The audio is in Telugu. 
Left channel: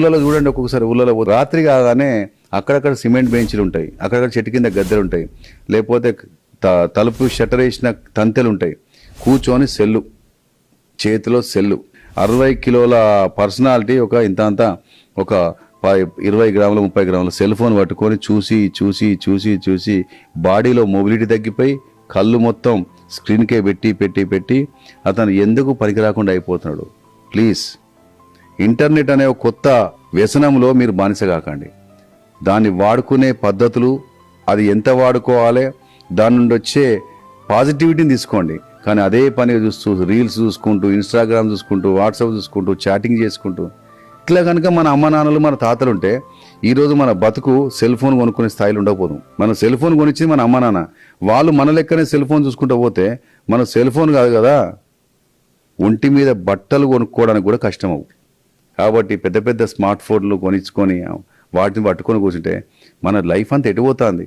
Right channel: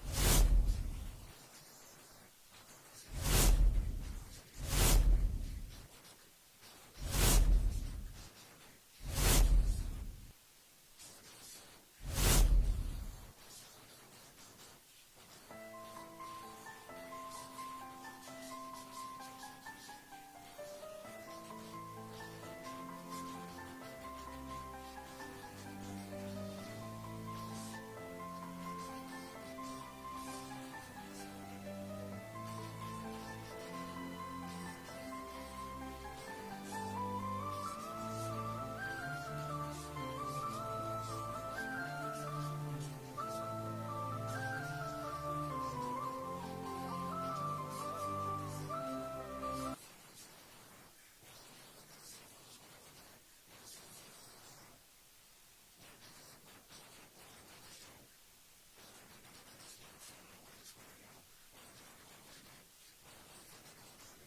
ఊళ్ళలో చూడండి, ఒక్కొక్కసారి ఊళ్ళలో రాత్రి కాగానే అక్కడక్కడ సిమెంట్ బెంచ్లు ఉంటాయి, అక్కడక్కడ చెట్టు కింద గద్దెలు ఉంటాయి, లేకపోతే తలుపు షట్టర్ వేసిన తంతెలు ఉంటాయి. కూర్చొని సెల్లు, చేతిలో సెల్లు, 60 కిలోల పర్సనాలిటీ ఒక ఇంత అంతా ఒక 20 గ్రాముల 30 గ్రాముల సెల్ ఫోన్ పట్టుకొని చూసి చూసి చూసి చూసి బాడీలో మొబిలిటీ తగ్గిపోయి కళ్ళు మొత్తం స్క్రీన్కే పెట్టి పెట్టి పెట్టి అతను ఎందుకు పనికి రాకుండా అయిపోతున్నాడు. ప్లీజ్, ఇంటర్నెట్ అనే ఒక కొత్త వ్యసనంలో మీరు బానిస కాకండి. దాన్ని వాడుకునే పద్ధతులు, అది ఎంత వాడుకోవాలి, దాని నుండి వచ్చే పాజిటివిటీని తీసుకోండి. కానీ అదే పని చూస్తూ రీల్స్ చూసుకుంటూ, ఇన్స్టాగ్రామ్ చూసుకుంటూ, వాట్సాప్ చూసుకుంటూ, చాటింగ్ చేసుకుంటూ ఇట్లా కనుక మన అమ్మ నాన్నలు మన తాతలు ఉంటే ఈరోజు మన బతుకు సెల్ ఫోన్ కొనుక్కునే స్థాయిలో ఉండకపోదు. మన సెల్ ఫోన్ కొనిచ్చింది మన అమ్మ నాన్న, వాళ్ళు మన లెక్కనే సెల్ ఫోన్ చూసుకుంటూ పోతే మన సెల్ ఫోన్ కాదు కదా, ఒంటి మీద బట్టలు కొనుక్కోవడానికి కూడా కష్టం అవు. కాబట్టి పెద్ద పెద్ద స్మార్ట్ ఫోన్లు కొనిచ్చుకొని వాటిని పట్టుకొని కూర్చుంటే మన లైఫ్ అంతా ఎటుపోతుంది.